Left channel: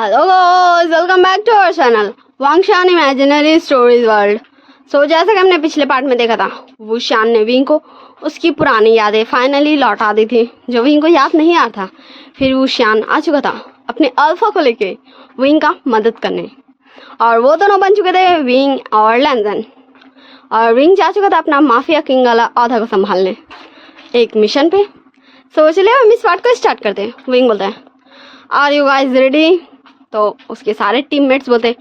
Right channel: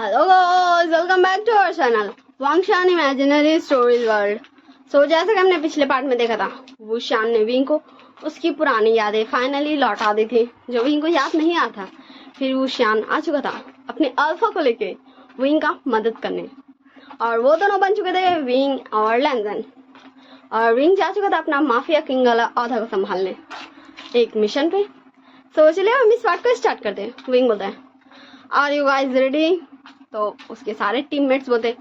Hello guys, welcome back to our channel Wangshan imaginary stories world. So जैसा कि हमने पिछले पार्ट में देखा था, वुशियान ने विंग को उसकी पुरानी यादें फाइनली लौटा दी थी जो विंग को याद नहीं आ था। फिर वुशियान आ चुका था अपने अल्फा को लेके विंग का मदद करने, और वो दोनों बन चुके थे विंग और लैंजन। और विंग जा चुका था अपना माफिया किंग वाला औहदा को संभालने एक मिशन पे। सो चलिए हम इस पार्ट को स्टार्ट करते हैं। विंग बोलता है, आर यू गाइज रेडी? तो उसके सारे टीममेट्स बोलते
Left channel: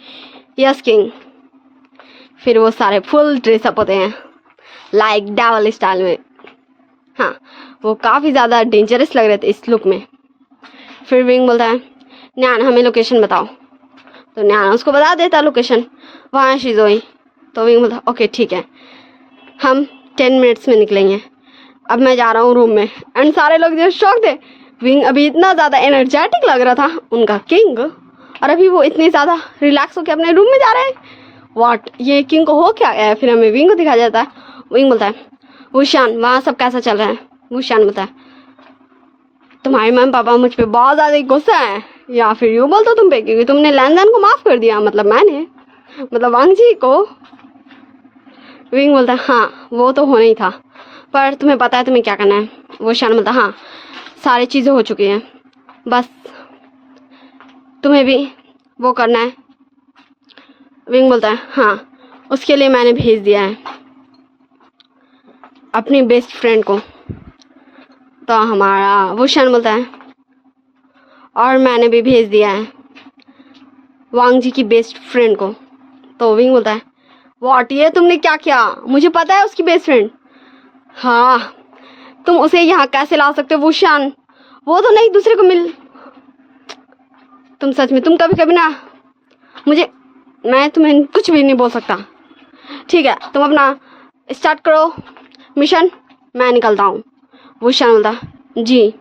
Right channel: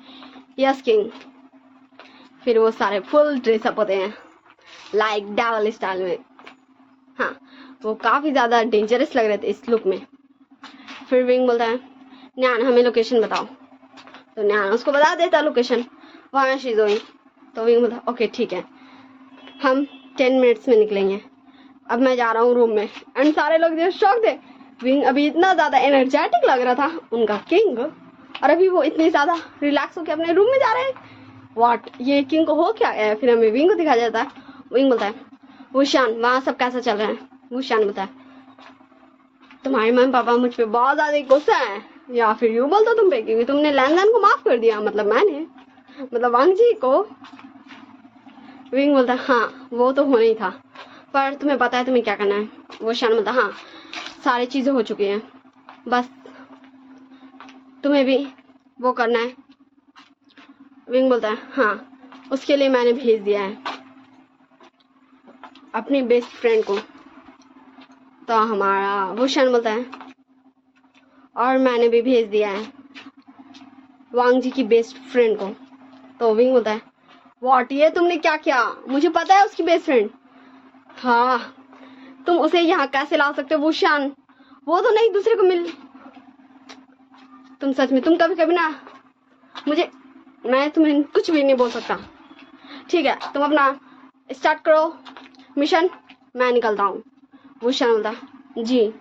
यस किंग। फिर वो सारे फुल ड्रेसअप होते हैं लाइक डेवल स्टाइल में। हाँ, वो काफ़ी ज़्यादा डेंजरस लग रहे थे इस लुक में। फिर विंग बोलता है, न्यान हमें लोकेशन बताओ। तो न्यान उसको बता देता लोकेशन, वहाँ शिजोई। तो विंग बोलता ओके ठीक है, हम 10 मिनट्स में निकलेंगे। अब मैं जा रहा हूँ रूम में। एंड सारे लोग जो शॉक थे, विंग अभी इतना ज़्यादा एनर्जेटिक लग रहा था उनका किंग, और अभी वो इतने ज़्यादा रिलैक्स होकर अपने रूम में जा रहे हैं। व्हाट, ये किंग को हो क्या गया? फिर हमें विंग को दिखाया जाता है। विंग बोलता है, वुशियान वहाँ सब कैसा चल रहा है? वुशियान बोलता है, तुम्हारे मम्मी पापा मुझ पे बहुत ज़्यादा गुस्सा है, या फिर यूँ बोलते तुम पे क्योंकि तुमने लैंजन को माफ़ कर दिया, मतलब मैंने, मतलब वांग जी को। विंग बोलता है, हाँ वो तो होना ही था, पर तुम्हें पता है तुम्हें क्या करना है? वुशियान बोलता है, हाँ सारी चीज़ें हो चुकी हैं, बस तुम्हें भी वो करना है। विंग बोलता है, हाँ उसके लिए मैंने भेज दिया है अपनी बेस्ट फ्रेंड को। तो हमारा वुशियान बोलता है, और मैंने भी भेज दिया है वांग जी की बेस्ट फ्रेंड को। तो विंग बोलता है, व्हाट, ये तुमने क्या किया? मुझे पता है उसकी बेस्ट फ्रेंड। हाँ, तुम उसे यहाँ कैसे ला सकते हो वुशियान? वो तो नहीं दूसरे को मिल। तुम सच में, तुम कभी कभी ना मुझे, मैं तुम्हें कुछ भी नहीं बोल सकता। ठीक है, तुम अपना स्टार्ट करो मिशन, मैं निकलता हूँ। वुशियान बोलता, जी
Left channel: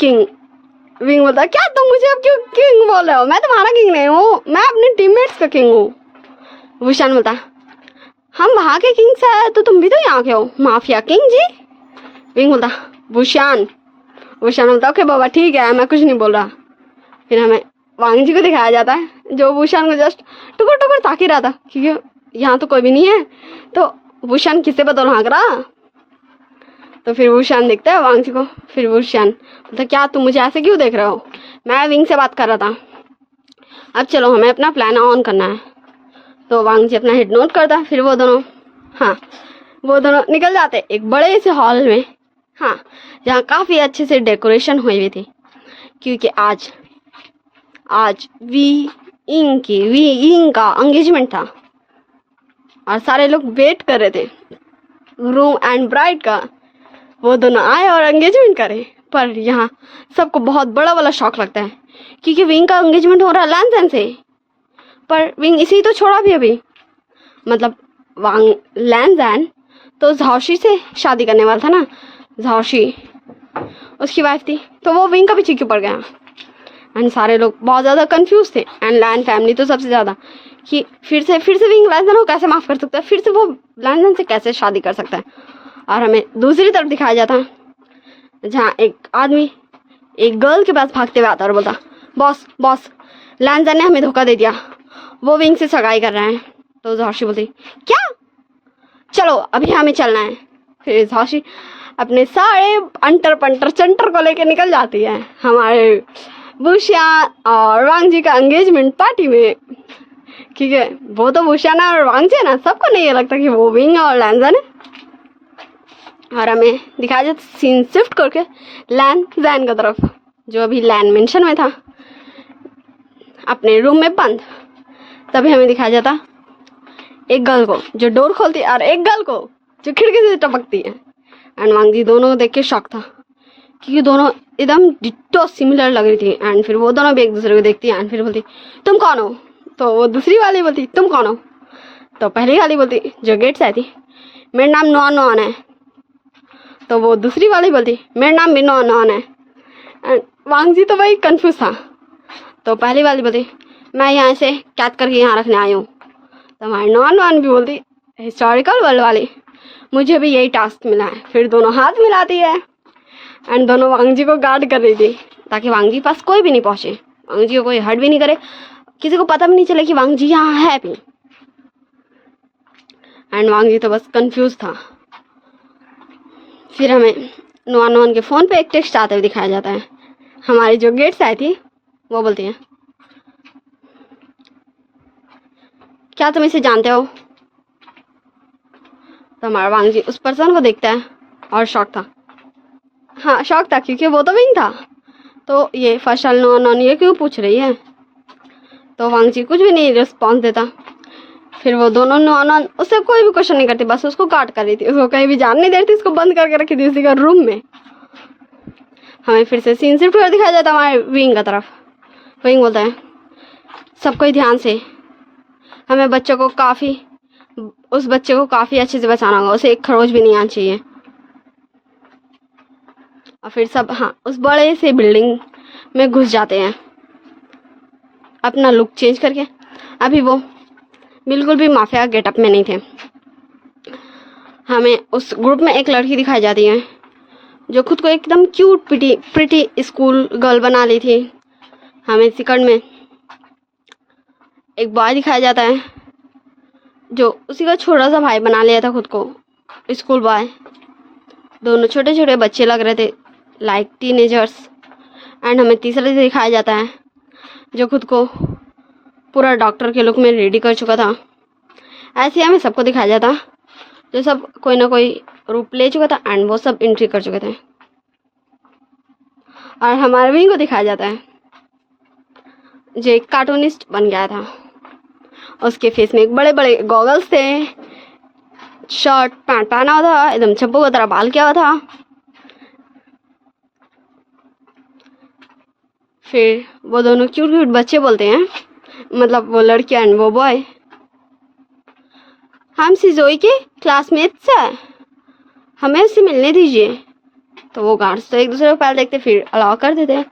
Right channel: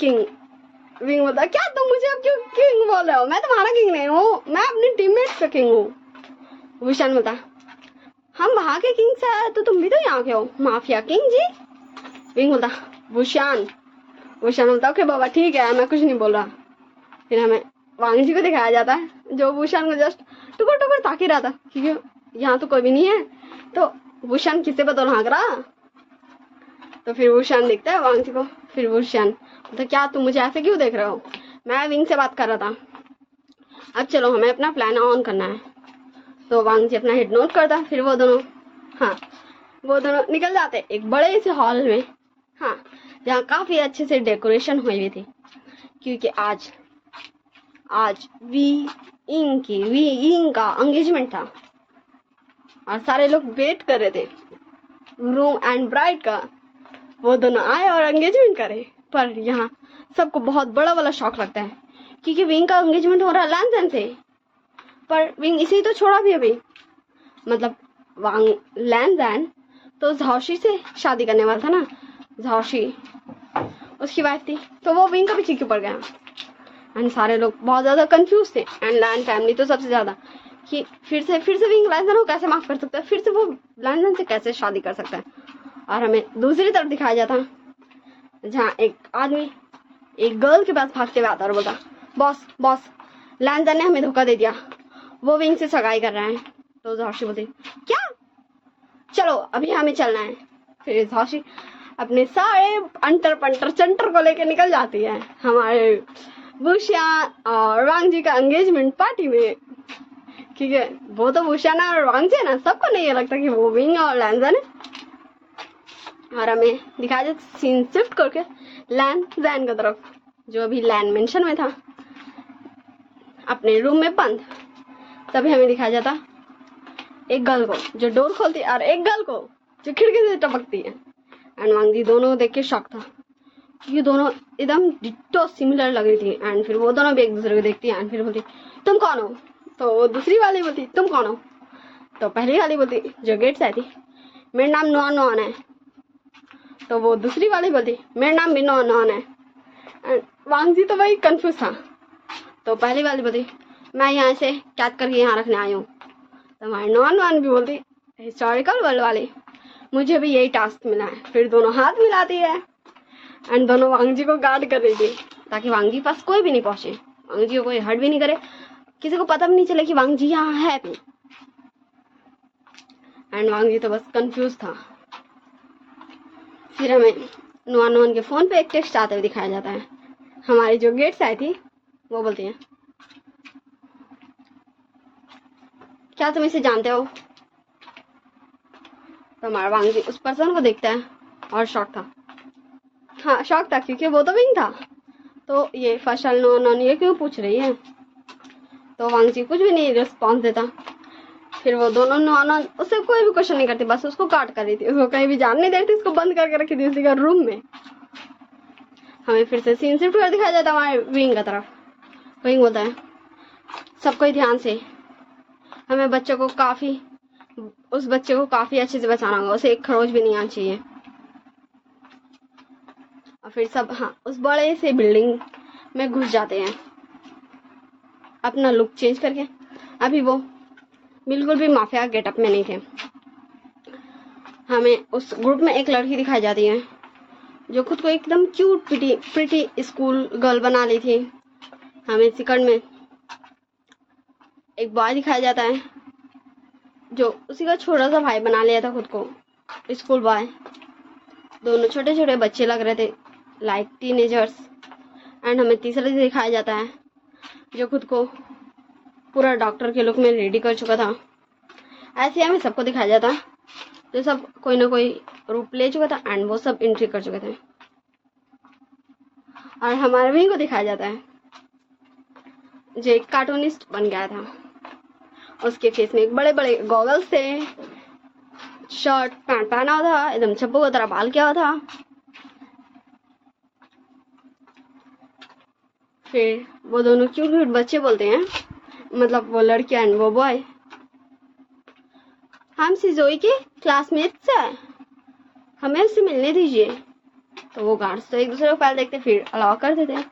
किंग। विंग बोलता, क्या तुम मुझे अब क्यों किंग बोल रहे हो? मैं तुम्हारा किंग नहीं हूँ, मैं अपने टीममेट्स का किंग हूँ। वुशियान बोलता, हम वहाँ के किंग से तो तुम भी तो यहाँ के हो, माफिया किंग जी। विंग बोलता, वुशियान। वुशियान बोलता, ओके बाबा ठीक है, मैं कुछ नहीं बोल रहा। फिर हमें वांग जी को दिखाया जाता है जो वुशियान को जस्ट टुकर टुकर ताक ही रहा था, क्योंकि यहाँ तो कोई भी नहीं है। तो वुशियान किससे बदल हाँक रहा? तो फिर वुशियान देखता है वांग जी को। फिर वुशियान बोलता, क्या तुम मुझे ऐसे क्यों देख रहे हो? मैं विंग से बात कर रहा था। अब चलो हमें अपना प्लान ऑन करना है। तो वांग जी अपना हेड नोट करता। फिर वो दोनों, हाँ वो दोनों निकल जाते एक बड़े से हॉल में, हाँ जहाँ काफ़ी अच्छे से डेकोरेशन हुई हुई थी, क्योंकि आज वी इंग का एंगेजमेंट था। और सारे लोग वेट कर रहे थे ग्रूम एंड ब्राइड का। वो दोनों आए और एंगेजमेंट करे। पर यहाँ सबको बहुत बड़ा वाला शॉक लगता है, क्योंकि विंग का एंगेजमेंट हो रहा है लैंजन से। पर विंग इसी तो छोड़ा भी अभी, मतलब वांग लैंजन तो झाओशी से शादी करने वाला था ना, झाओशी उसकी वाइफ थी। तो वो विंग का पीछे क्यों पड़ गया? एंड सारे लोग बहुत ज़्यादा कंफ्यूज थे, एंड लैंड फैमिली तो सबसे ज़्यादा, कि फिर से विंग लैंजन को कैसे माफ़ कर सकता है, फिर से वो लैंजन से कैसे शादी कर सकता है। और हमें दूसरी तरफ दिखाया जाता है जहाँ एक आदमी एक गर्ल के पास भागते हुए आता और बोलता, बॉस लैंजन ने हमें धोखा दे दिया, वो विंग से सगाई कर रहे हैं। तो झाशी बोलती, क्या? चलो अभी हमें चलना है। फिर झाशी अपने सारे अंटर पंटर चंटर को लेकर निकल जाती है हमारे वुशियान और वांग जी का एंगेजमेंट पार्टी में, क्योंकि वो तो वुशियान और वांग जी है ना, सबको नहीं लगता कि वो विंग और लैंजन है। और हमें दिखाया जाता सीन शिफ्ट करके लैंजन की तरफ, जो अभी लैंड मेंशन में था अपने रूम में बंद। तभी हमें दिखाया जाता एक गर्ल को जो डोर खोलती है और एक गर्ल को जो खिड़की से टपकती है। एंड वांग जी दोनों को देख के शॉक था, क्योंकि दोनों एकदम डिट्टो सिमिलर लग रही थी। एंड फिर वो दोनों भी एक दूसरे को देखती है। एंड फिर बोलती, तुम कौन हो? तो वो दूसरी वाली बोलती, तुम कौन हो? तो पहली वाली बोलती जो गेट से आई थी, मेरा नाम नॉन है। तो वो दूसरी वाली बोलती, मेरा नाम भी नॉन है। एंड वांग जी तो भाई कंफ्यूज था। तो पहली वाली बोलती, मैं यहाँ से कैद करके यहाँ रखने आई हूँ। तो हमारी नॉन भी बोलती, हिस्टोरिकल वर्ल्ड वाली, मुझे भी यही टास्क मिला है। फिर दोनों हाथ मिलाती है एंड दोनों वांग जी को गार्ड कर रही थी ताकि वांग जी पास कोई भी नहीं पहुँचे। वांग जी को कोई हर्ट भी नहीं करे, किसी को पता भी नहीं चले कि वांग जी यहाँ है भी। एंड वांग जी तो बस कंफ्यूज था। फिर हमें नुआन के फ़ोन पे एक टेक्स्ट आते हुए दिखाया जाता है। हमारी जो गेट से आई थी वो बोलती है, क्या तुम इसे जानते हो? तो हमारा वांग जी उस पर्सन को देखता है और शॉक था। हाँ शॉक था क्योंकि वो तो विंग था। तो ये फर्स्ट नुआन ये क्यों पूछ रही है? तो वांग जी कुछ भी नहीं रिस्पॉन्स देता। फिर वो दोनों नुआन उससे कोई भी क्वेश्चन नहीं करती, बस उसको काट कर रही थी, उसको कहीं भी जान नहीं दे रही थी, उसको बंद करके रखी थी उसी का रूम में। हमें फिर से सीन शिफ्ट कर दिखाया जाता है हमारे विंग का तरफ। विंग बोलता है, सबको ही ध्यान से, हमें उस बच्चे को काफ़ी अच्छे से बचाना होगा, उसे एक खरोच भी नहीं आना चाहिए। और फिर सब उस बड़े से बिल्डिंग में घुस जाते हैं अपना लुक चेंज करके। अभी वो बिल्कुल भी माफिया गेटअप में नहीं थे। हमें उस ग्रुप में एक लड़की दिखाई जाती है जो खुद को एकदम क्यूट प्रिटी स्कूल गर्ल बना ली थी। हमें सेकंड में एक बॉय दिखाया जाता है जो उसी का छोटा सा भाई बना लिया था खुद को, स्कूल बॉय। दोनों छोटे छोटे बच्चे लग रहे थे, लाइक टीनेजर्स। एंड हमें तीसरे से दिखाया जाता है जो खुद को पूरा डॉक्टर के लुक में रेडी कर चुका था। ऐसे ही हमें सबको दिखाया जाता जो सब कोई ना कोई रूप ले चुका था एंड वो सब एंट्री कर चुके थे। और हमारे विंग को दिखाया जाता है जो एक कार्टूनिस्ट बन गया था। उसके फेस में एक बड़े बड़े गॉगल्स थे, शर्ट पैंट पहना हुआ था, एकदम चप्पू की तरह बाल किया हुआ था। फिर वो दोनों क्यूट क्यूट बच्चे बोलते हैं, मतलब वो लड़की एंड वो बॉय, हम सिजोई के क्लासमेट्स हैं, हमें उससे मिलने दीजिए। तो वो गार्ड्स तो एक दूसरे को पहले देखते फिर अलाउ कर देते।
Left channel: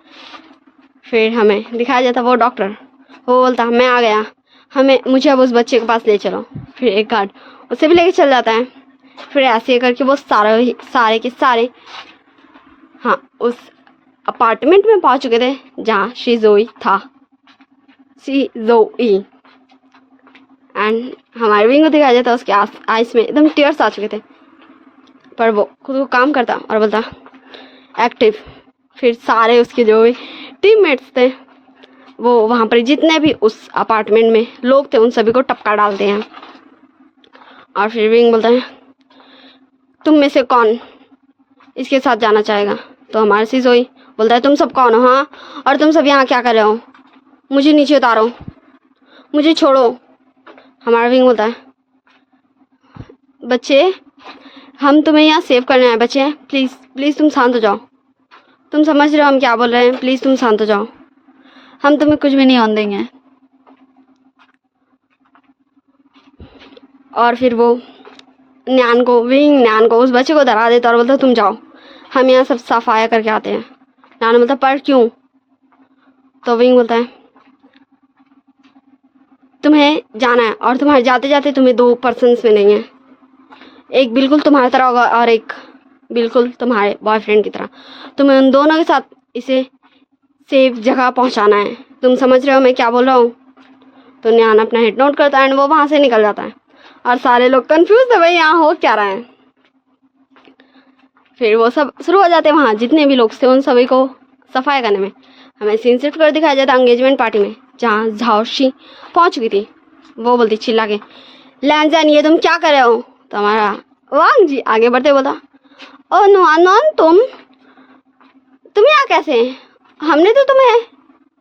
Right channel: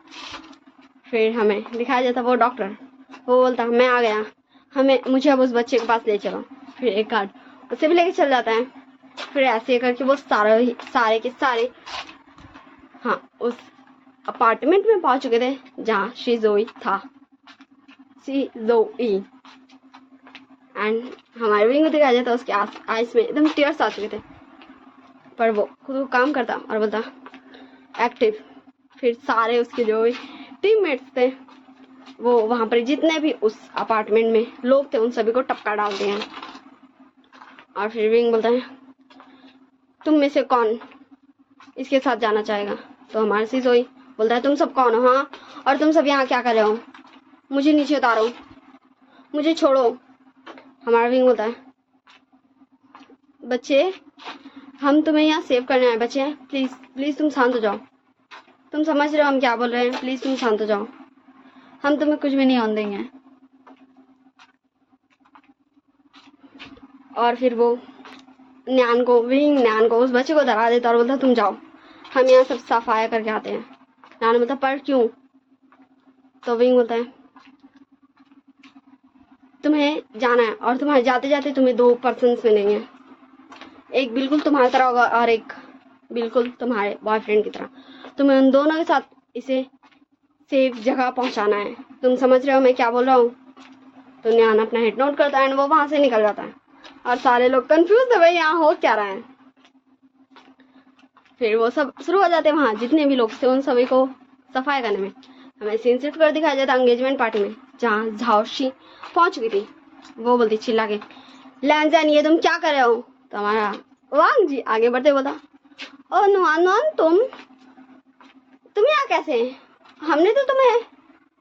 फिर हमें दिखाया जाता वो डॉक्टर, वो बोलता मैं आ गया, मुझे अब उस बच्चे के पास ले चलो। फिर एक गार्ड उसे भी लेके चल जाता है। फिर ऐसे करके वो सारे के सारे उस अपार्टमेंट में पहुंच चुके थे जहाँ शिजोई था, शिजोई। एंड हमारे विंग को दिखाया जाता उसके आइस में एकदम टीयर्स आ चुके थे, पर वो खुद को काम करता और बोलता एक्टिव। फिर सारे उसके जो भी टीममेट्स थे वो वहाँ पर जितने भी उस अपार्टमेंट में लोग थे उन सभी को टपका डालते हैं। और फिर विंग बोलता है, तुम में से कौन इसके साथ जाना चाहेगा? तो हमारे शिजोई बोलता है, तुम सब कौन हो? हाँ, और तुम सब यहाँ क्या कर रहे हो? मुझे नीचे उतारो, मुझे छोड़ो। हमारा विंग बोलता है, बच्चे हम तुम्हें यहाँ सेव करने आए, बच्चे प्लीज़ प्लीज़ तुम शांत हो जाओ, तुम समझ रहे हो हम क्या बोल रहे हैं, प्लीज़ तुम शांत हो जाओ, हम तुम्हें कुछ भी नहीं होने देंगे। और फिर वो न्यान को उस बच्चे को डरा देता और बोलता तुम जाओ, हम यहाँ सब सफाया करके आते हैं। न्यान बोलता पर क्यों? तो विंग बोलता है, तुम्हें जाना है और तुम्हारे जाते जाते तुम्हें 2 पर्सन्स मिलेंगे, एक बिल्कुल तुम्हारी तरह होगा और एक बिल्कुल तुम्हारे बॉयफ्रेंड की तरह। तुम्हें उन दोनों के साथ इसे सेफ जगह पहुंचाना है। तुम समझ रहे हो मैं क्या बोल रहा हूँ? तो न्यान अपना हेड नोट करता है एंड वो वहाँ से निकल जाता है और सारे लोग कंफ्यूज थे भाई यहाँ हो क्या रहा है। फिर वो सब शुरू हो जाते हैं, वहाँ जितने भी लोग थे उन सभी को सफाई करने में। हमें सीन शिफ्ट कर दिखाया जाता एंगेजमेंट पार्टी में जहाँ झाओशी पहुँच चुकी थी। वो बोलती चिल्ला के, लैंजन ये तुम क्या कर रहे हो? तो हमारा वांग जी आगे बढ़ते बोला, ओ नुआन तुम यहाँ कैसे? हमने तो तुम्हें।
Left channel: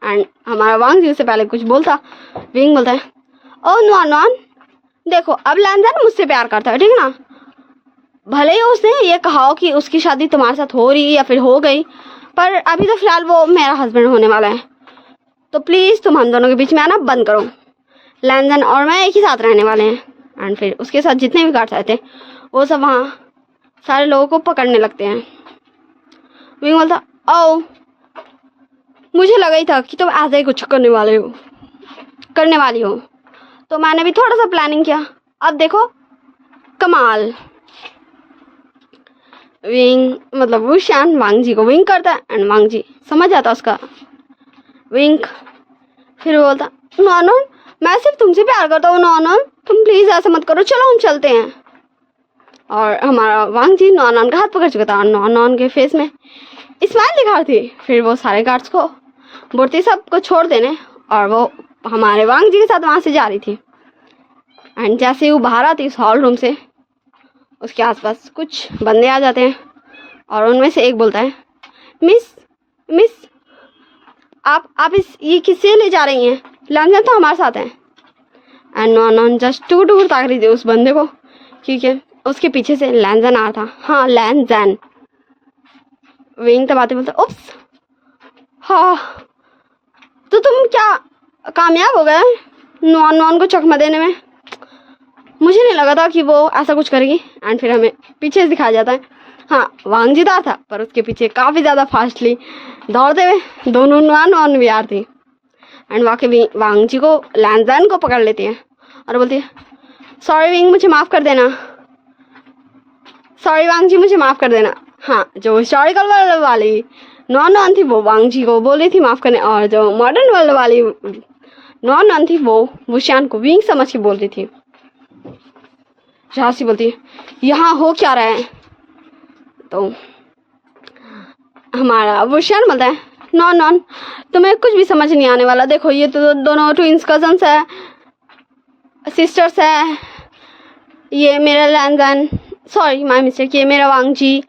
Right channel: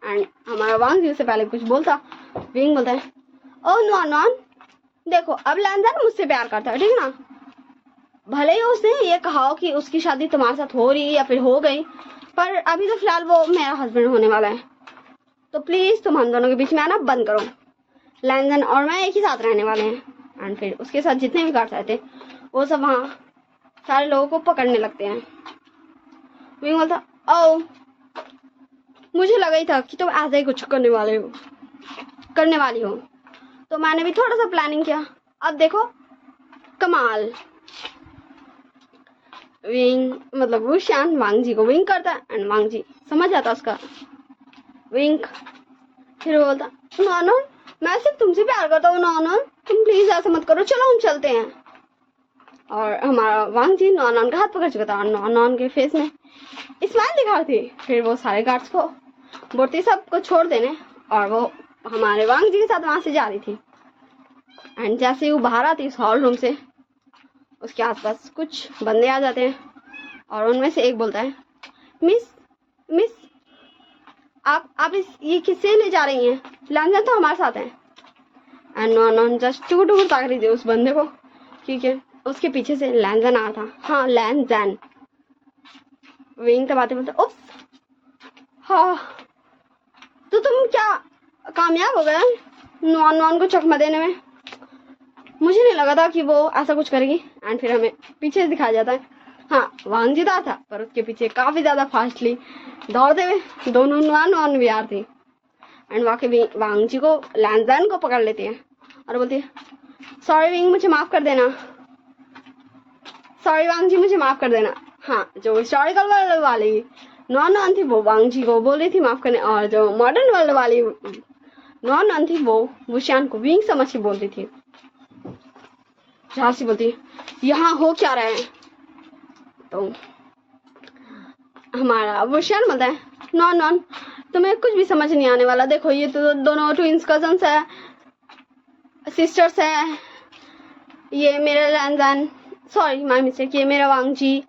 एंड हमारा वांग जी उससे पहले कुछ बोलता, विंग बोलता है, ओ नुआन देखो अब लैंजन मुझसे प्यार करता है, ठीक है ना? भले ही उसने ये कहा हो कि उसकी शादी तुम्हारे साथ हो रही या फिर हो गई, पर अभी तो फिलहाल वो मेरा हस्बैंड होने वाला है, तो प्लीज़ तुम हम दोनों के बीच में आना बंद करो। लैंजन और मैं एक ही साथ रहने वाले हैं। एंड फिर उसके साथ जितने भी गार्ड्स आए थे वो सब वहाँ सारे लोगों को पकड़ने लगते हैं। विंग बोलता, ओ मुझे लगा ही था कि तुम ऐसा ही कुछ करने वाली हो, तो मैंने भी थोड़ा सा प्लानिंग किया, अब देखो कमाल। विंग मतलब वुशान वांग जी को विंग करता है एंड वांग जी समझ जाता उसका विंक फिर वो बोलता नॉन, मैं सिर्फ तुमसे प्यार करता हूँ नॉन, तुम प्लीज ऐसा मत करो, चलो हम चलते हैं। और हमारा वांग जी नॉन का हाथ पकड़ चुका था और नॉन के फेस में स्माइल दिखा रही थी। फिर वो सारे गार्ड्स को बोलती सबको छोड़ देने और वो हमारे वांग जी के साथ वहां से जा रही थी। एंड जैसे ही वो बाहर आती इस हॉल रूम से, उसके आसपास कुछ बंदे आ जाते हैं और उनमें से एक बोलता है मिस आप ये किससे ले जा रही हैं, लैंजन तो हमारे साथ है। एंड नॉन जस्ट टूट ताक रही थी उस बंदे को, क्योंकि उसके पीछे से लैंजन आ रहा था। हाँ लैंजन। विंग तबाते बोलते उप्स, हाँ तो तुम क्या कामयाब हो गए नॉन को चकमा देने में, मुझे नहीं लगा था कि वो ऐसा कुछ करेगी। एंड फिर हमें पीछे से दिखाया जाता है, हाँ वांग जीता था पर उसके पीछे काफ़ी ज़्यादा फास्टली दौड़ते हुए दोनों नॉन भी आ रही। एंड वाकई वांग जी को लैंजन को पकड़ लेती है और बोलती है सॉरी विंग, मुझे माफ़ कर देना, सॉरी वांग जी मुझे माफ़ कर देना। हाँ जो हिस्टोरिकल वर्ल्ड वाली नॉन थी वो वांग जी को बोल रही थी माफ़ करने, और जो मॉडर्न वर्ल्ड वाली नॉन थी वो वुशियान को विंग समझ के बोल रही थी। झांसी बोलती है यहाँ हो क्या रहा है, तो हमारा वुशियान बोलता है नॉन तुम्हें कुछ भी समझ नहीं आने वाला, देखो ये तो दोनों ट्विंस कजन्स है, सिस्टर्स है, ये मेरा लैंजन, सॉरी माय मिस्टेक, ये मेरा वांग जी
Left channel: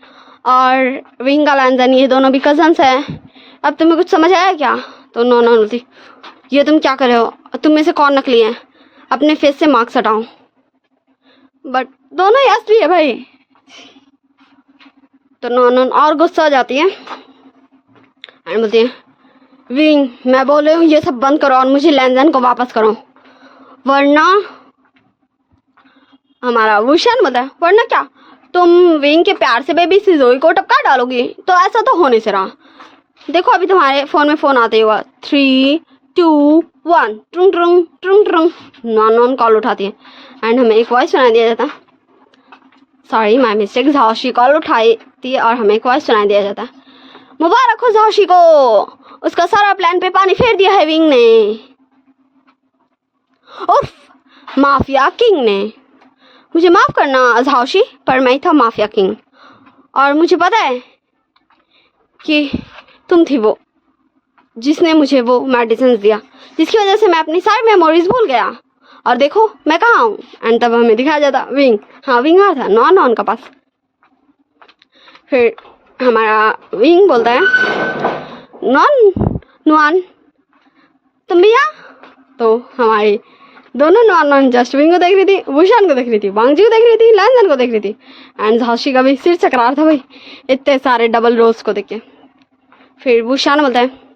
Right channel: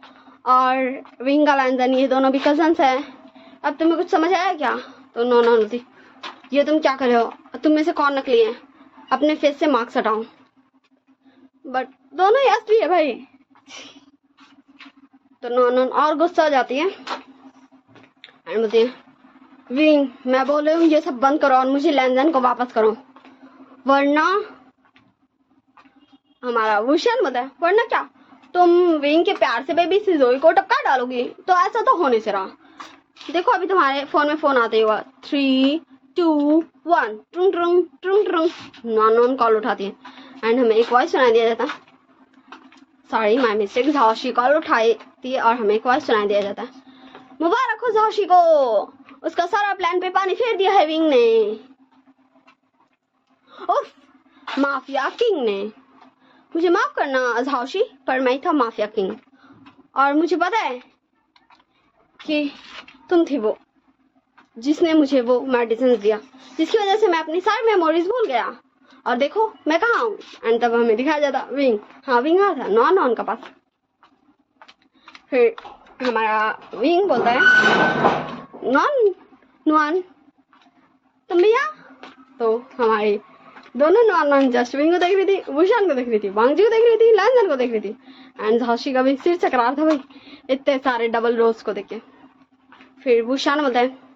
और विंग का लैंजन, ये दोनों भी कजन्स है, अब तुम्हें कुछ समझ आया क्या। तो नॉन बोलती ये तुम क्या कर रहे हो, तुम में से कौन नकली है, अपने फेस से मार्क्स हटाओ। बट दोनों यस भी है भाई। तो नॉन और गुस्सा आ जाती है एंड बोलती है विंग मैं बोल रही हूँ ये सब बंद करो और मुझे लैंजन को वापस करो, वरना हमारा वुशियान बोलता है वरना क्या, तुम विंग के प्यार से बेबी सिजोई को टपका डालोगी, तो ऐसा तो होने से रहा, देखो अभी तुम्हारे फोन में फोन आते हुआ 3 2 1 Trung Trung Trung Trung, non call उठाती है एंड हमें एक वॉइस सुनाई दिया जाता है, सॉरी माय मिस्टेक, झाओशी कॉल उठाई थी और हमें एक वॉइस सुनाई दिया जाता है मुबारक हो झाओशी को, उसका सारा प्लान पे पानी फेर दिया है विंग ने, उफ माफिया किंग ने, मुझे माफ करना झाओशी पर मैं ही था माफिया किंग, और मुझे पता है कि तुम थी वो जिसने मुझे वो मेडिसिन दिया जिसकी वजह से मैं अपनी सारी मेमोरीज भूल गया, और देखो मैं कहाँ हूँ। एंड तब हमें दिखाया जाता विंग, हाँ विंग आ था नॉन का पास। फिर हमारा विंग बोलता है नॉन तुम भी यहाँ, तो हमारी दोनों नॉन जस्ट विंग को देख रही थी, वुशियान को देख रही थी, वांग जी को देख रही थी, लैंजन को देख रही थी, एंड झांसी का भी सिर चकरा रहा था भाई इतने सारे डबल रोज को देख के। फिर वुशियान बोलता है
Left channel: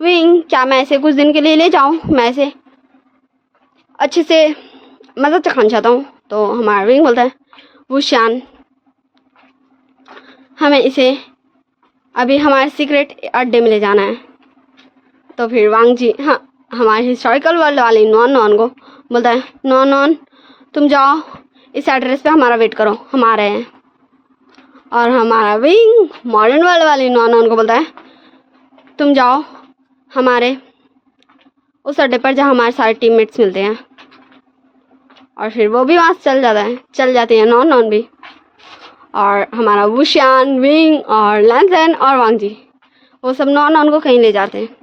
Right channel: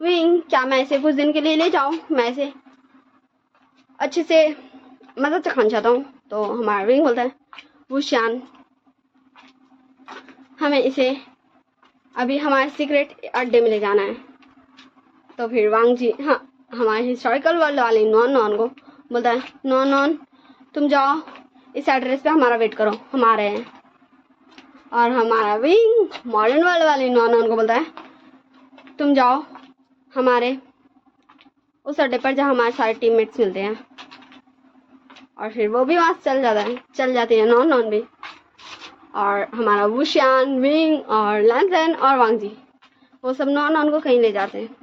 विंग क्या मैं ऐसे कुछ दिन के लिए ले जाऊँ, मैं ऐसे अच्छे से मज़ा चखाना चाहता हूँ। तो हमारा विंग बोलता है वुशियान हमें इसे अभी हमारे सीक्रेट अड्डे में ले जाना है। तो फिर वांग जी हाँ हमारे हिस्टोरिकल वर्ल्ड वाली नॉन को बोलता है नॉन तुम जाओ इस एड्रेस पे हमारा वेट करो, हम आ रहे हैं। और हमारा विंग मॉडर्न वर्ल्ड वाली नॉन को बोलता है तुम जाओ हमारे उस अड्डे पर जहाँ हमारे सारे टीममेट्स मिलते हैं, और फिर वो भी वहाँ से चल जाते हैं नॉन भी, और हमारा वुशियान विंग और लैंजन और वांग जी वो सब नॉन को कहीं ले जाते हैं।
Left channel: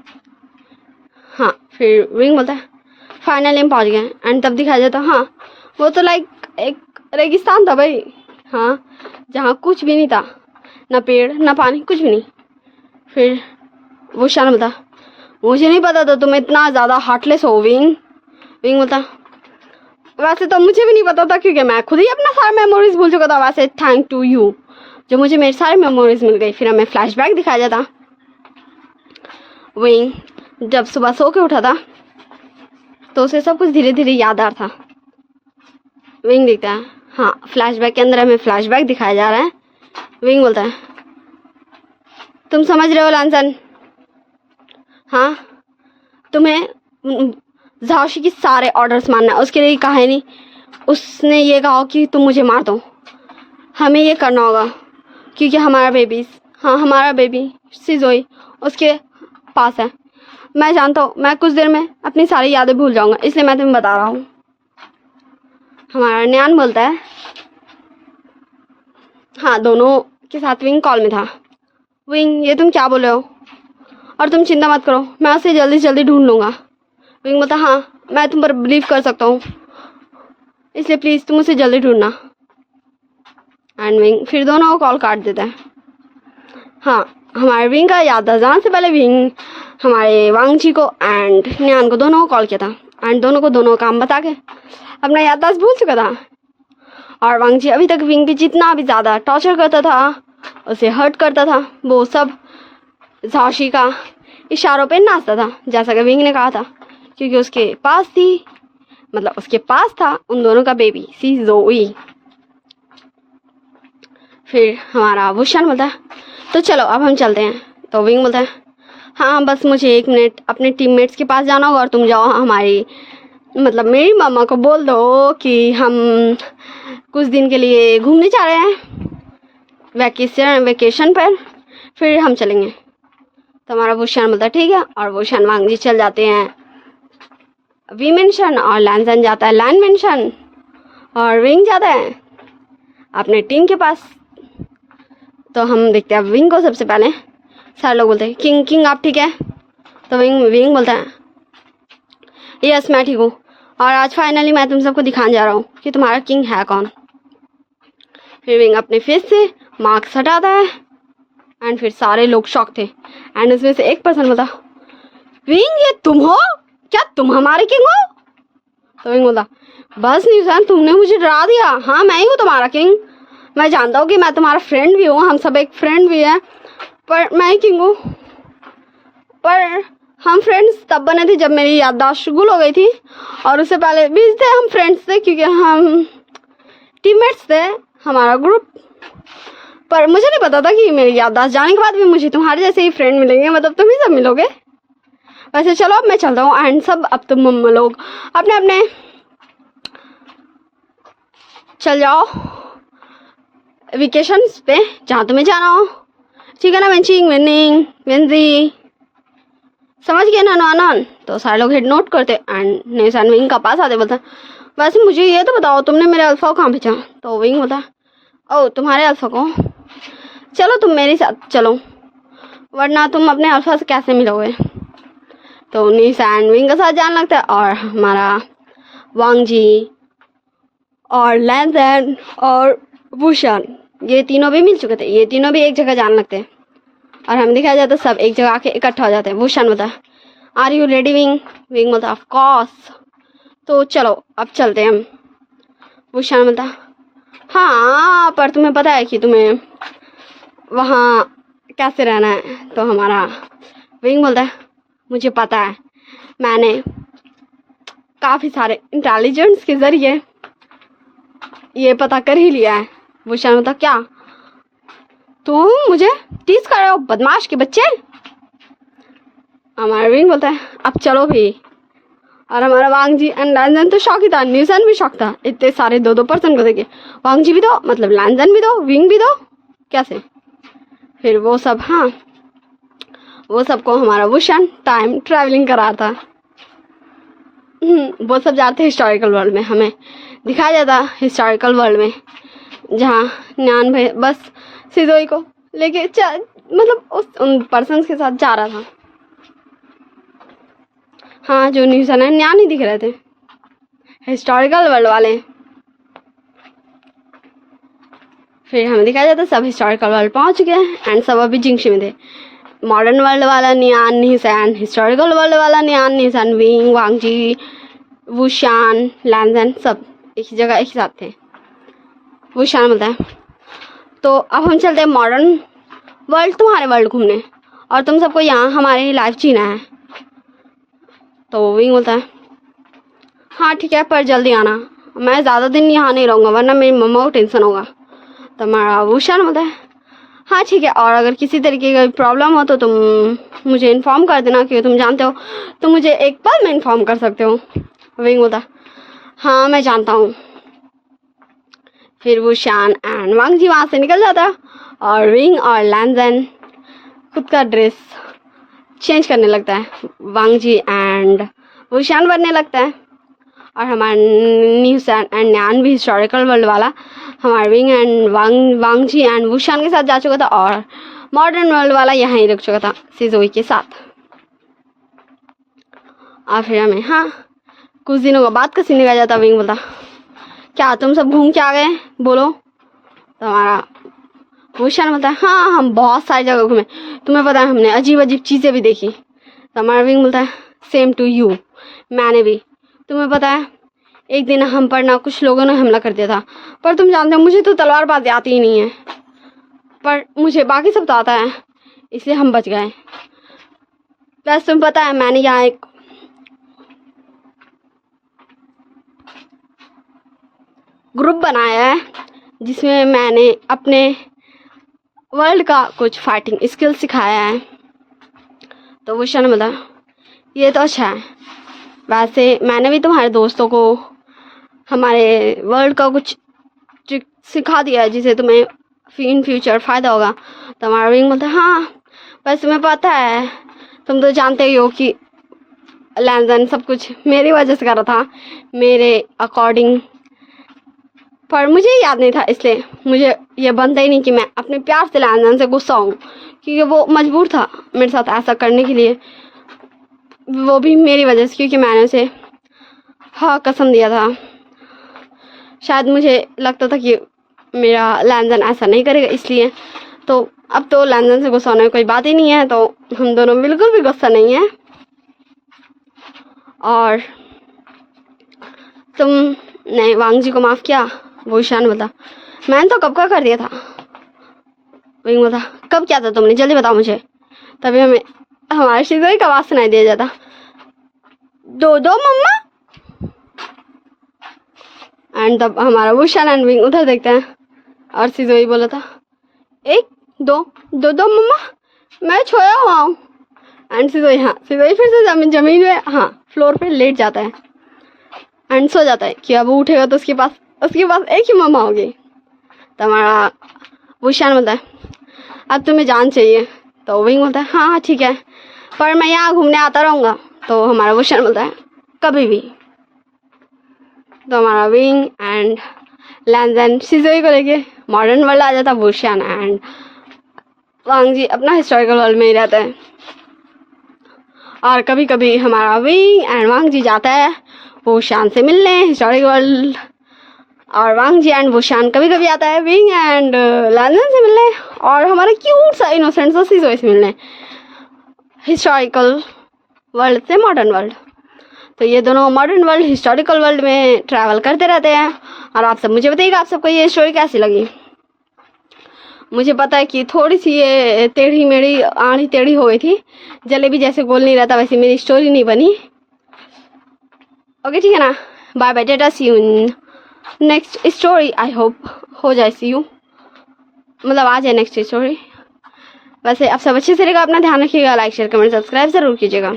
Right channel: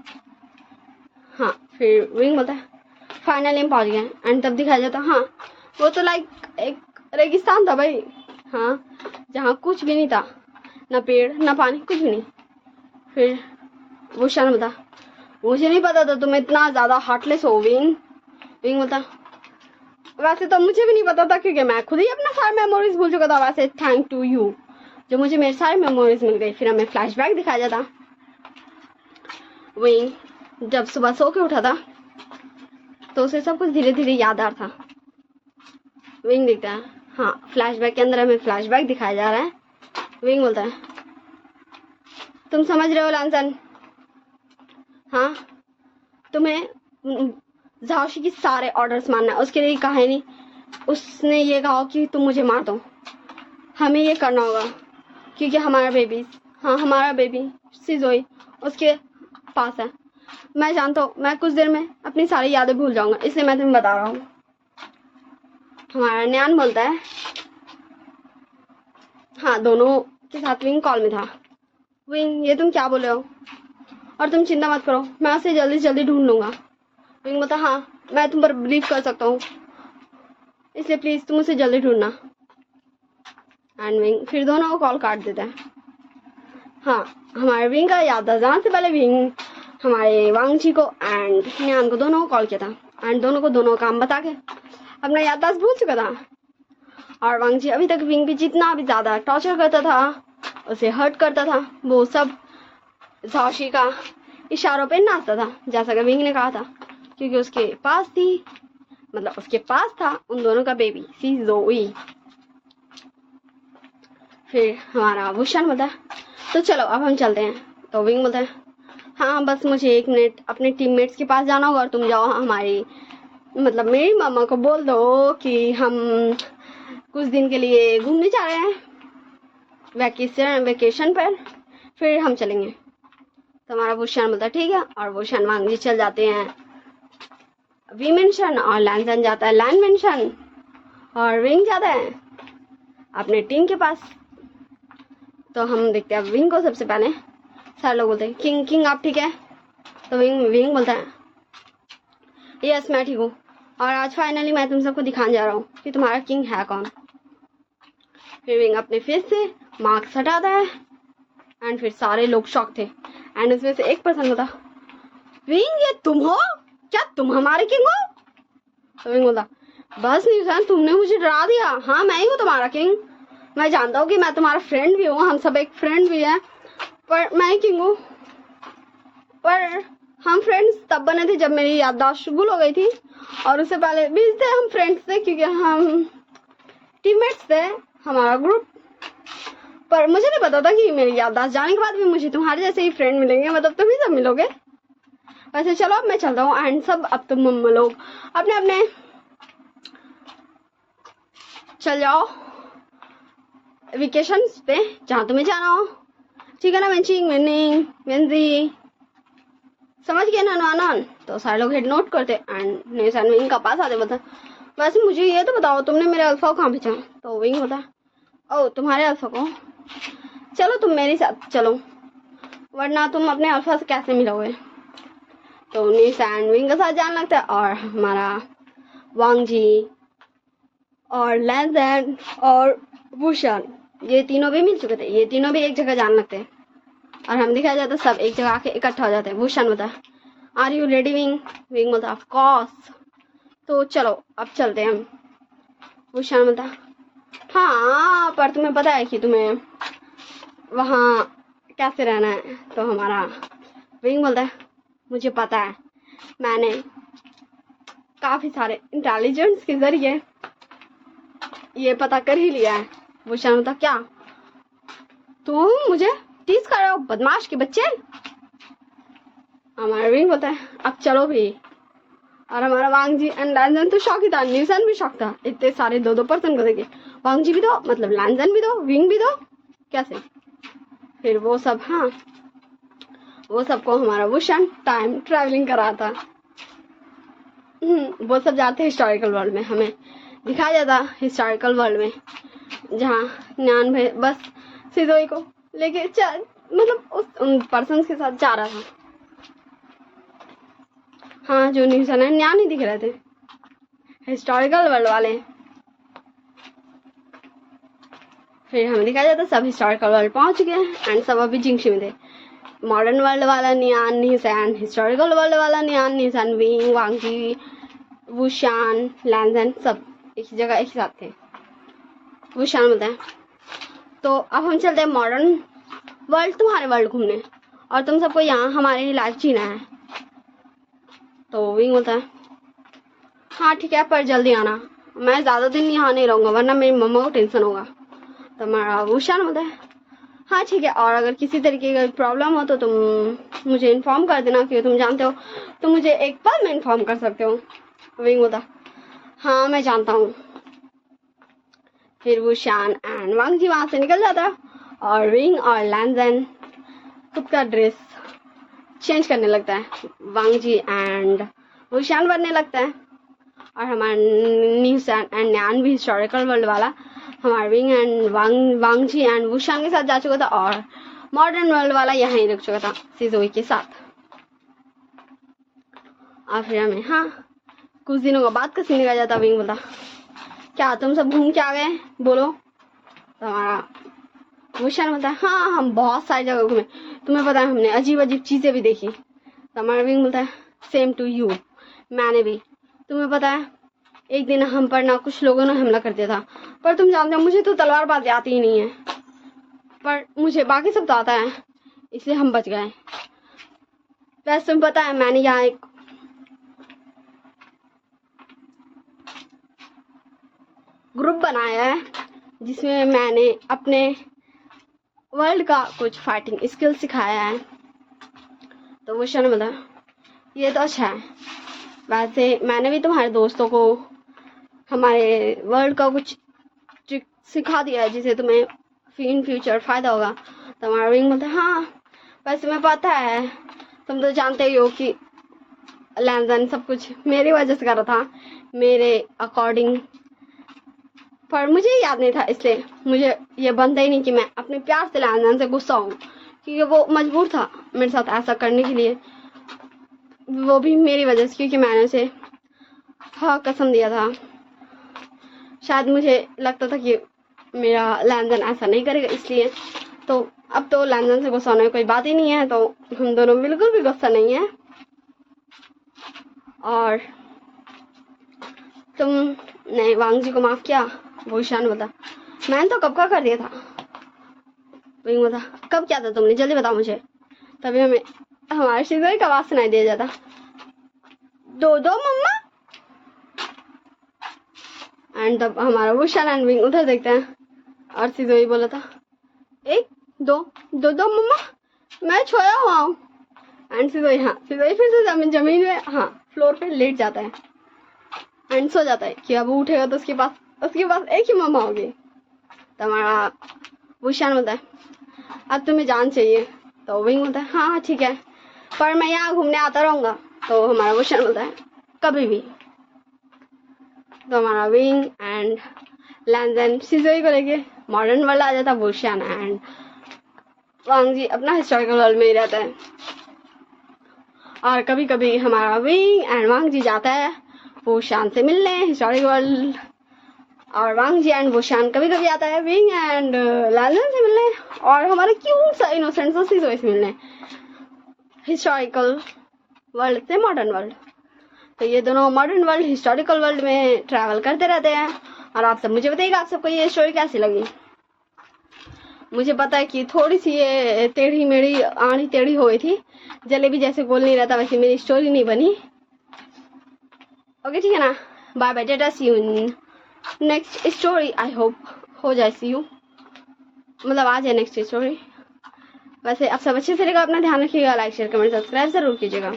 हाँ फिर विंग बोलता है फाइनली हम पहुँच गए, एंड तब दिखाया जाता हाँ वो तो लाइक एक रेगिस्तान था भाई, हाँ जहाँ कुछ भी नहीं था, ना पेड़ ना पानी कुछ भी नहीं। फिर वुशियान बोलता मुझे नहीं पता था तुम इतना ज़्यादा हार्टलेस हो विंग बोलता वैसे तो मुझे भी नहीं पता था क्योंकि मैं खुद ही अपना सारा मेमोरीज भूल चुका था, वैसे थैंक टू यू जो मुझे मेरे सारे मेमोरीज मिल गई। फिर हमें फ्लैशबैक दिखाया जाता विंग जब सुबह सो के उठा था तो उसे सब कुछ धीरे धीरे याद आ रहा था। विंग देखता है हाँ फ्लैशबैक के अंदर हमें फ्लैशबैक दिखाया जा रहा है। विंग बोलता है तुम समझ रहे हो लैंजन, हाँ तुम्हें झाओशी की सारे ऑर्डर्स मानना, उसके लिए कहा नहीं, उसने ये कहा कि तुम मुझे मार दो, हमें ये करना होगा क्योंकि हमारा बेबी सिजोई उसके पास है, मैं जानता हूँ मैं कुछ देर में अपनी सारी यादें भूल जाऊंगा, इसलिए मैं तुम्हें बता रहा हूँ। हमारा न्यान बोलता है हाँ दोनों के साथ विंग कॉल में था। विंग ये तुम क्या बोल रहे हो? और तुम चिंता मत करो, मैं उसे जल्दी से जल्दी ढूंढ लूँगा। विंग बोलता हाँ मैं तुम पर बिलीव कर सकता हूँ, इसलिए प्लीज़ तुम उसे जल्दी ढूंढना। एंड विंग फिर दोनों को कॉल काट देता है। हाँ हमारे विंग का याद था, जाने से पहले विंग हमारे वांगजी को एंड न्यान को दोनों को कॉल किया था एंड दोनों को दोनों काम बता के अपना याददाश्त भूल चुका था। और वांगजी अभी तक विंग पे जितना भी ज़्यादा टॉर्चर करता था, उसे हर्ट करता था, वो सब झाशी का इशारों पे नाचता था, जैसा कि विंग ने कहा था, क्योंकि उसके पास था उन दोनों का बेबी सी जोई। फिर हमारा वुशान बोलता है तो चलो अब हम चलते हैं। तो विंग बोलता है हाँ बस मुझे 1 मिनट अपने टीममेट्स के पास जाना होगा और तुम जाओ मेरी मामा को बोल दो कि हम कुछ दिन के लिए घूमने जा रहे हैं वेकेशन पर, फिर हम चलेंगे। तो हमारा वुशान बोलता है ठीक है, और वुशान वांगजी चल जाते हैं वी मेंशन और लैंसन जाता है लैंड मेंशन और विंग जाता है अपने टीम के पास। तो हम देखते हैं विंग को। सबसे पहले सारे लोग बोलते हैं किंग आप ठीक है? तो विंग बोलता है यस मैं ठीक हूँ, और आज फाइनली मैं तुम सबको दिखाने जा रहा हूँ कि तुम्हारा किंग है कौन। फिर विंग अपने फेस से मार्क्स हटाता है एंड फिर सारे लोग शॉक थे एंड उसमें से एक पर्सन बोलता विंग ये तुम हो क्या? तुम हमारे किंग हो? तो विंग बोलता बस न्यूज़न तुमने मुझे डरा दिया, हाँ मैं ही हूँ तुम्हारा किंग। मैं जानता हूँ कि मैं तुम्हारा फ्रेंड भी हूँ, हम सब एक फ्रेंड भी हैं, पर मैं ही किंग हूँ। पर हम फ्रेंड्स तब बने थे जब मेरी याददाश्त गुल हो गई थी, और उससे पहले भी थे हम फ्रेंड्स थे क्योंकि हम टीममेट्स थे हमारा ग्रुप। पर मुझे नहीं पता था कि मेरी याददाश्त जाने के बाद भी मुझे तुम्हारे जैसे ही फ्रेंड मिलेंगे, मतलब तुम ही सब मिलोगे। वैसे चलो अब मैं चलता हूँ एंड सब अब तुम लोग अपने अपने चल जाओ वेकेशंस पे जहाँ तुम्हें जाना हो, ठीक है ना? वेंजी समझ गए ना नॉन? तो सारे लोग हेड नोट करते एंड नेसान विंग का पास आते बोलता वैसे मुझे ये तो बताओ तुमने मेरे अल्फा को कहाँ भेजा? तो विंग बोलता ओ तुम्हारे अल्फा को, चलो तुम मेरे साथ चलो वरना तुम अपने अल्फा से कैसे मिलोगे। तो नेसान विंग के साथ जाने लगता है और हमारा वांगजी और लैंसन और वुशान ये तीनों भी मिल चुके थे, ये तीनों भी एक जगह जाने लगते हैं और हम दिखाया जाता है सब एक जगह आके इकट्ठा हो जाते हैं। वुशान बोलता है are you ready Wing? Wing बोलता ऑफ कोर्स। तो चलो अब चलते हैं हम। वुशान बोलता हाँ पर तुम्हें पता है कि तुम्हें वहाँ कैसे रहना है? तो हमारा विंग बोलता है मुझे पता है, मैंने काफ़ी सारे इंटेलिजेंस के ज़रिए ये पता कर ही लिया है। वुशान बोलता क्या तुम मुझे टीज कर रहे हो बदमाश के बच्चे? हमारा विंग बोलता है अब चलो भी। और हमारा वांगजी एंड लैंसन तो शौक ही था, न्यूसन भी शौक था, इतने सारे 2-2 पर्सन को देखे, वांगजी भी दो मतलब लैंसन भी दो विंग भी दो कैसे। फिर वो सब वो सबको हमारा वुशान टाइम ट्रैवलिंग करा था। वो सब जाते हिस्टोरिकल वर्ल्ड में, हमें दिखाया जाता हिस्टोरिकल वर्ल्ड में जहाँ न्यान भाई बस सिदोई को लेके मतलब उन पर्सन के साथ जा रहा था। हाँ जो न्यूज़न है न्यान ही दिख रहे थे हिस्टोरिकल वर्ल्ड वाले। फिर हमें दिखाया जाता सब हिस्टोरिकल वर्ल्ड पहुंच गए एंड सब अभी जिंगशी में थे। मॉडर्न वर्ल्ड वाला न्यान निसान, हिस्टोरिकल वर्ल्ड वाला न्यान निसान, विंग वांगजी वुशान लैंसन सब एक ही जगह एक ही साथ थे। वुशान बोलता है तो अब हम चलते हैं मॉडर्न वर्ल्ड तुम्हारे वर्ल्ड घूमने, और तुम सबको यहाँ हमारी लाइफ जीना है। तो विंग बोलता है हाँ ठीक है पर जल्दी आना, मैं ज़्यादा दिन यहाँ नहीं रहूँगा वरना मेरी मम्मा को टेंशन होगा। तो हमारा वुशान होता है हाँ ठीक है, और अगर किसी तरीके का प्रॉब्लम हो तो तुम मुझे इन्फॉर्म कर देना, क्योंकि तुम जानते हो तुम मुझे एक पल में इन्फॉर्म कर सकते हो। विंग होता हाँ मैं जानता हूँ। फिर वुशान एंड वांगजी वहाँ से निकल जाता और विंग और लैंसन खुद का ड्रेस चेंज करने लगता है, वांग जी एंड वुशान बनने लगता है। और हमारा न्यूज एंड न्यान भी हिस्टोरिकल वर्ल्ड वाला हमारा Wing and Wang ji and Wushan के साथ जा चुका था, और मॉडर्न वर्ल्ड वाला यहाँ ही रुक चुका था सिजोई के साथ। और फिर हमें कुछ दिनों के बाद का सीन दिखाया जाता। विंग बोलता क्या तुम सब घूम के आ गए बोलो। तो हमारा वुशान बोलता है हाँ हम बहुत सारी जगह घूमे, तुम्हें पता है हमने अजीब अजीब चीज़ें भी देखी। तो हमारा विंग बोलता है सेम टू यू, मैंने भी। तुम्हें पता है एक दिन हम पर ना कुछ लोगों ने हमला कर दिया था, पर तुम जानते हो मुझे तो तलवारबाजी आती ही नहीं है, पर मुझे बाकी सब तो आता है, इसलिए हम बच गए। प्लस तुम्हें पता है मैंने यहाँ एक ग्रुप बनाया है जिसमें मैंने अपने वर्ल्ड का कुछ फाइटिंग स्किल सिखाया है। तो वुशान ने बोला ये तो अच्छा है, वैसे मैंने भी तुम्हारे दोस्तों को हमारे वर्ल्ड का कुछ ट्रिक सिखा दिया है जिसे तुम्हें इन फ्यूचर फ़ायदा होगा। तो हमारा विंग बोलता है हाँ वैसे तुम्हें पता है, तुम तो जानते ही हो कि लैंजन सब कुछ मेरी वजह से कर रहा था, मेरे अकॉर्डिंग, पर मुझे याद नहीं था, इसलिए मुझे ये बनता ही नहीं कि मैं अपने प्यार से लैंजन से गुस्सा हूँ, क्योंकि वो मजबूर था मेरे साथ ऐसा करने के लिए, वो भी मेरी वजह से, क्योंकि मैंने उसे कसम दिया था। शायद मुझे लगता था कि मेरा लैंजन ऐसा नहीं करेगा, इसलिए तो अब तो लैंजन से गुस्सा होने में कोई बात ही नहीं है, तो हम दोनों बिल्कुल भी गुस्सा नहीं है। और तुमने वांग जी को माफ़ किया? वुशान बोला मैंने तो कब का कर दिया था। विंग बोला कब किया था तुमने, जल्दी बताओ मुझे। तभी हमें हमारे शिज़ोई का आवाज़ सुनाई दिया जाता, दो मम्मा। एंड तब हमारा वुशान एंड विंग उधर देखते हैं और शिज़ोई बोला था एक दो मम्मा, मैं सोया हुआ हूँ। एंड शिज़ोई शिज़ोई फिर से जमीन में फ्लोर पे लेट जाता है एंड सो जाता है कि अब वो उठेगा तो उसके पास एक ही मम्मा होगी। तो हमारा वुशान बोलता है अब तुम्हें जान चाहिए। तो विंग बोलता है हाँ ठीक है, पर मैं यहाँ घूमने आता रहूँगा। तो हमारा वुशान बोलता है कभी भी। तो हमारा विंग एंड लैंजन शिज़ोई को लेके मॉडर्न वर्ल्ड आ जाता। वुशान एंड वांग जी अपना हिस्टोरिकल वर्ल्ड में ही रहते हैं। और कभी कभी हमारा विंग एंड वांग जी जाता है वुशान से मिलने हिस्टोरिकल वर्ल्ड, और वांग जी एंड वुशान कभी कभी आता है विंग एंड लैंजन से मिलने, और हमारा क्यूट सा इनोसेंट सा शिज़ोई से मिलने हिस्टोरिकल वर्ल्ड से मॉडर्न वर्ल्ड। तो ये दोनों मॉडर्न वर्ल्ड हिस्टोरिकल वर्ल्ड में ट्रैवल करते रहते हैं। और आप सब मुझे बताइएगा आप सबको ये स्टोरी कैसी लगी। मुझे पता है कि थोड़ी सी ये टेढ़ी मेढ़ी आड़ी टेढ़ी हो गई थी, जलेबी जैसे गोल नहीं रहता वैसे मेरी स्टोरी नहीं बनी। ओके ठीक है ना, bye bye, tata, see you next story. I hope हो जाए, सी यू मतलब आ जाए नेक्स्ट स्टोरी। वैसे आप सब अच्छे से रहेगा, अपना ध्यान रखिएगा, लाइक शेयर कमेंट सब्सक्राइब ज़रूर कीजिएगा।